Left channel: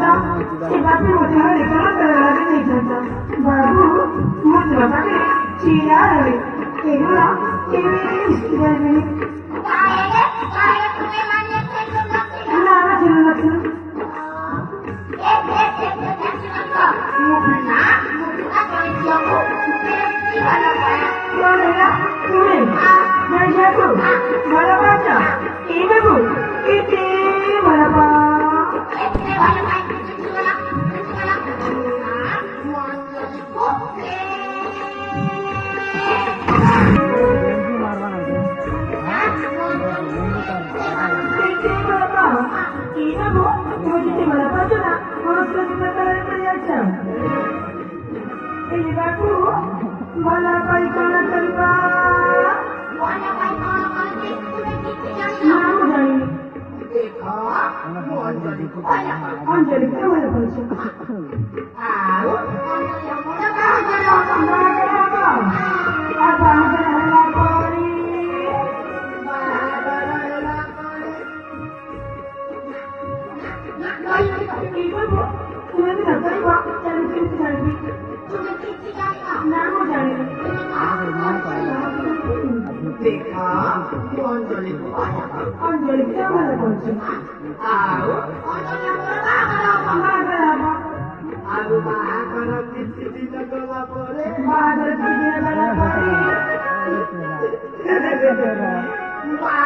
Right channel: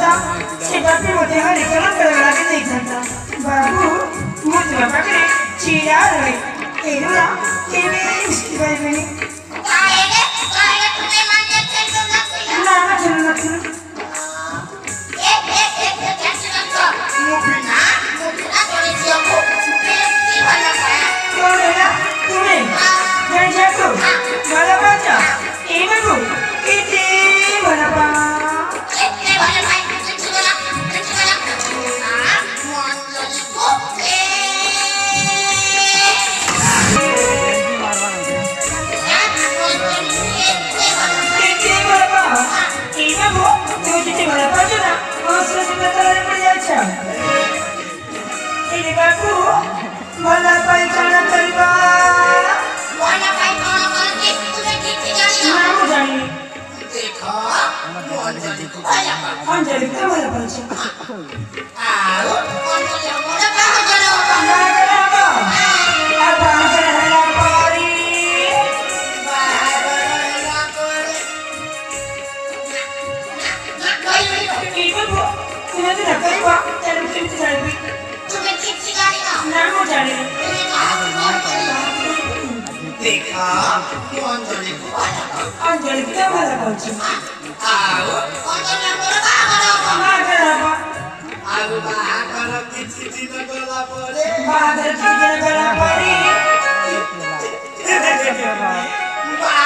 था सेवा पे होते हैं लेकिन बड़ा के नहीं था बाबू मुझे बाबा के चिया रहे तेरा तेरे इसकी बात में काहे तुम्हें मान्य थे तो ना चलो एक टेंशन तो मुबिना थोड़ी सी को की वाला है कौन है ना तुम्हें मैं जाको वाला बाजा ये बाबू इतने वाला बा इतने वाला भाई टेंशन वाला ना मन लगी को Iba bu, tujuh di mana aja nak? Masuk ke dalam perjalanan. Ini babu, mana bayi jalan terima? वाला भाई कौन के तुझे कितनी जानी Nama jani, देखो anjali kita mana baca? आओ कौन ये मोरा कहां चलो Apa? Apa akan hendak pari? Iba bu, tidak tidak terima. Jangan kita jani. तुम्हें कितनी जानी ना Nama jani. देखा अंजलि को Anjali kita mana baca? आओ अंजलि मोरा कहां Apa? आगो बाहर किसी दिन गला पड़े Bahagia kita berapa hari? बाहर